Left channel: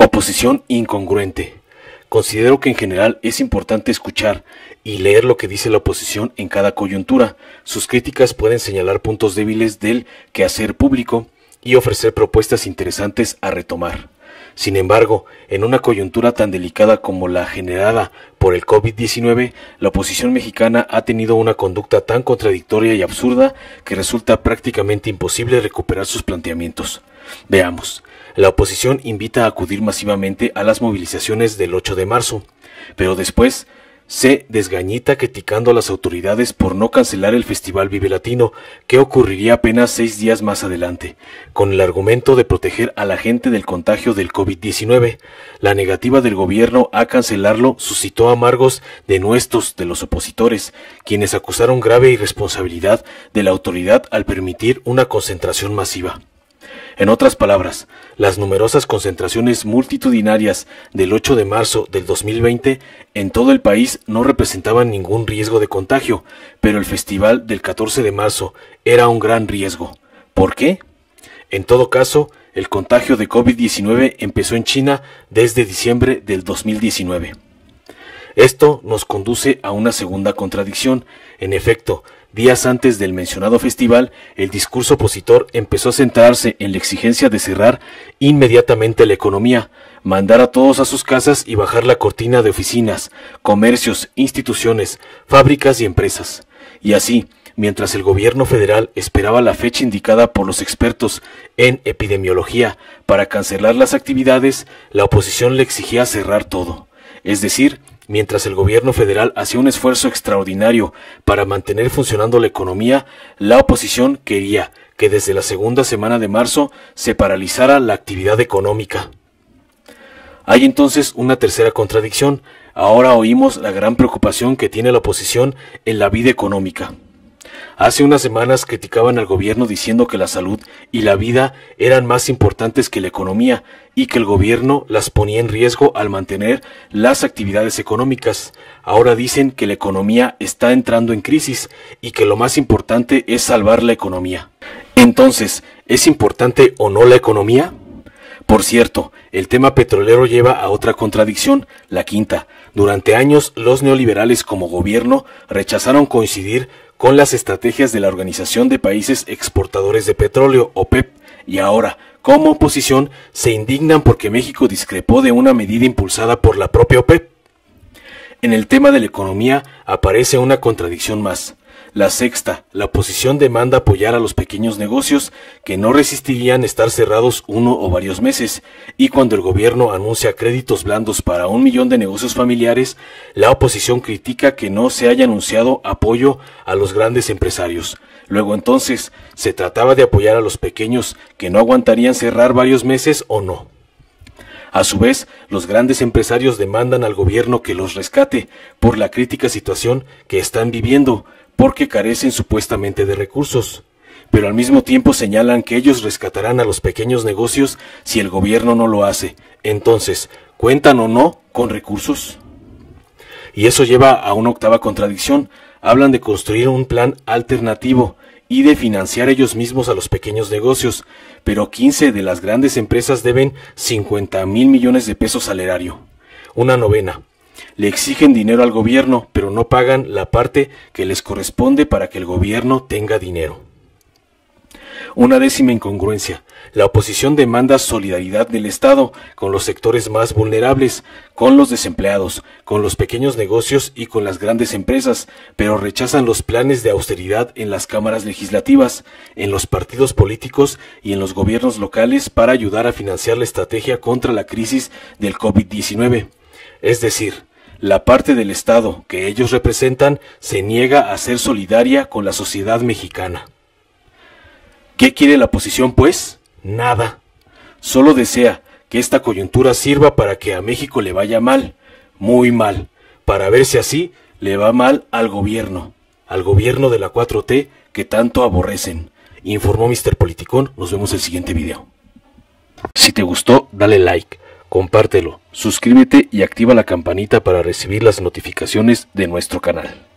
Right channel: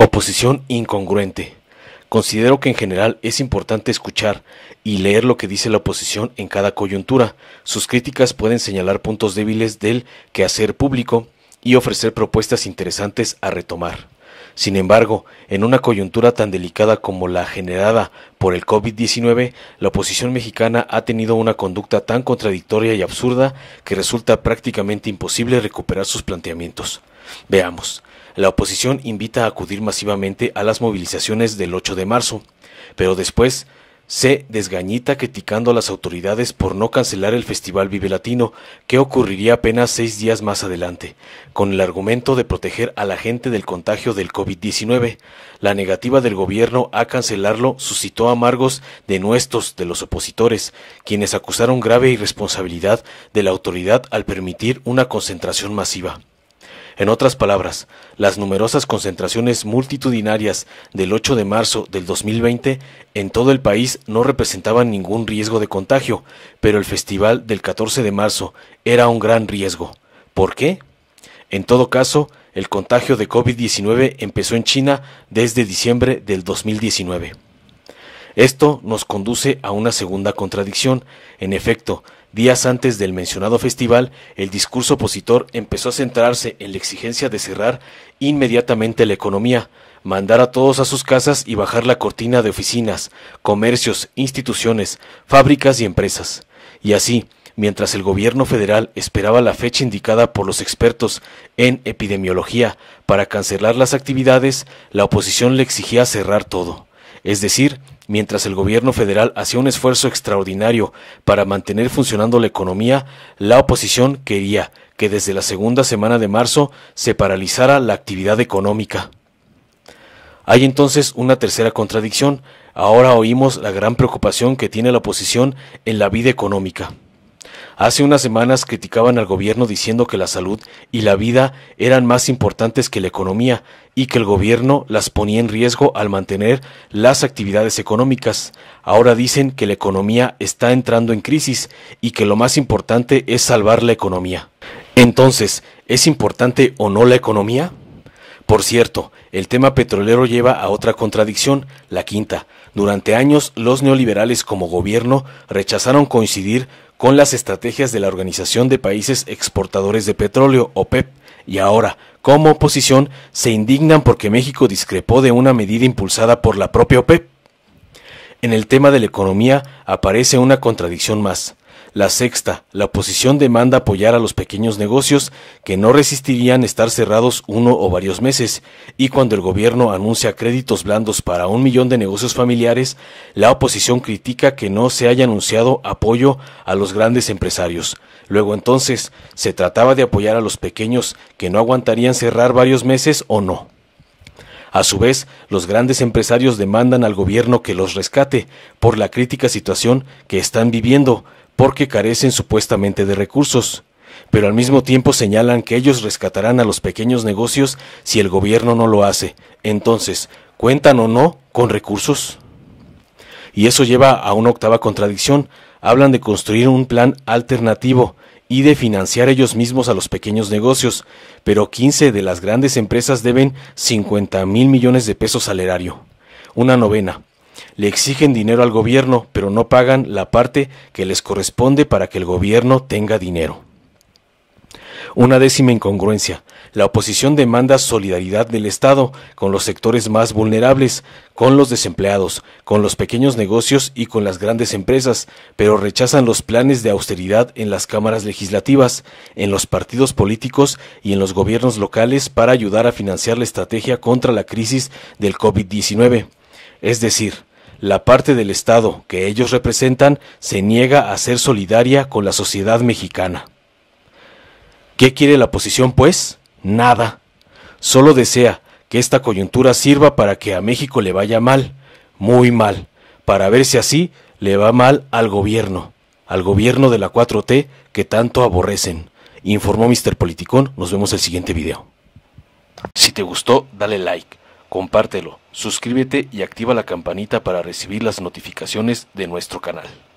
Oposición incongruente. Considero que en general es importante escuchar y leer lo que dice la oposición en cada coyuntura. Sus críticas pueden señalar puntos débiles del quehacer público y ofrecer propuestas interesantes a retomar. Sin embargo, en una coyuntura tan delicada como la generada por el COVID-19, la oposición mexicana ha tenido una conducta tan contradictoria y absurda que resulta prácticamente imposible recuperar sus planteamientos. Veamos. La oposición invita a acudir masivamente a las movilizaciones del 8 de marzo, pero después se desgañita criticando a las autoridades por no cancelar el Festival Vive Latino, que ocurriría apenas 6 días más adelante, con el argumento de proteger a la gente del contagio del COVID-19. La negativa del gobierno a cancelarlo suscitó amargos denuestos de los opositores, quienes acusaron grave irresponsabilidad de la autoridad al permitir una concentración masiva. En otras palabras, las numerosas concentraciones multitudinarias del 8 de marzo del 2020 en todo el país no representaban ningún riesgo de contagio, pero el festival del 14 de marzo era un gran riesgo. ¿Por qué? En todo caso, el contagio de COVID-19 empezó en China desde diciembre del 2019. Esto nos conduce a una segunda contradicción. En efecto, días antes del mencionado festival, el discurso opositor empezó a centrarse en la exigencia de cerrar inmediatamente la economía, mandar a todos a sus casas y bajar la cortina de oficinas, comercios, instituciones, fábricas y empresas. Y así, mientras el gobierno federal esperaba la fecha indicada por los expertos en epidemiología para cancelar las actividades, la oposición le exigía cerrar todo. Es decir, mientras el gobierno federal hacía un esfuerzo extraordinario para mantener funcionando la economía, la oposición quería que desde la segunda semana de marzo se paralizara la actividad económica. Hay entonces una tercera contradicción. Ahora oímos la gran preocupación que tiene la oposición en la vida económica. Hace unas semanas criticaban al gobierno diciendo que la salud y la vida eran más importantes que la economía y que el gobierno las ponía en riesgo al mantener las actividades económicas. Ahora dicen que la economía está entrando en crisis y que lo más importante es salvar la economía. Entonces, ¿es importante o no la economía? Por cierto, el tema petrolero lleva a otra contradicción, la quinta. Durante años, los neoliberales como gobierno rechazaron coincidir con las estrategias de la Organización de Países Exportadores de Petróleo, OPEP, y ahora, como oposición, se indignan porque México discrepó de una medida impulsada por la propia OPEP. En el tema de la economía aparece una contradicción más. La sexta, la oposición demanda apoyar a los pequeños negocios que no resistirían estar cerrados uno o varios meses, y cuando el gobierno anuncia créditos blandos para 1 millón de negocios familiares, la oposición critica que no se haya anunciado apoyo a los grandes empresarios. Luego entonces, ¿se trataba de apoyar a los pequeños que no aguantarían cerrar varios meses o no? A su vez, los grandes empresarios demandan al gobierno que los rescate por la crítica situación que están viviendo, porque carecen supuestamente de recursos, pero al mismo tiempo señalan que ellos rescatarán a los pequeños negocios si el gobierno no lo hace. Entonces, ¿cuentan o no con recursos? Y eso lleva a una octava contradicción. Hablan de construir un plan alternativo y de financiar ellos mismos a los pequeños negocios, pero 15 de las grandes empresas deben 50,000 millones de pesos al erario. Una novena. Le exigen dinero al gobierno, pero no pagan la parte que les corresponde para que el gobierno tenga dinero. Una décima incongruencia. La oposición demanda solidaridad del Estado con los sectores más vulnerables, con los desempleados, con los pequeños negocios y con las grandes empresas, pero rechazan los planes de austeridad en las cámaras legislativas, en los partidos políticos y en los gobiernos locales para ayudar a financiar la estrategia contra la crisis del COVID-19. Es decir, la parte del Estado que ellos representan se niega a ser solidaria con la sociedad mexicana. ¿Qué quiere la oposición, pues? Nada. Solo desea que esta coyuntura sirva para que a México le vaya mal, muy mal, para ver si así le va mal al gobierno de la 4T que tanto aborrecen. Informó Mr. Politicón. Nos vemos el siguiente video. Si te gustó, dale like, compártelo, suscríbete y activa la campanita para recibir las notificaciones de nuestro canal.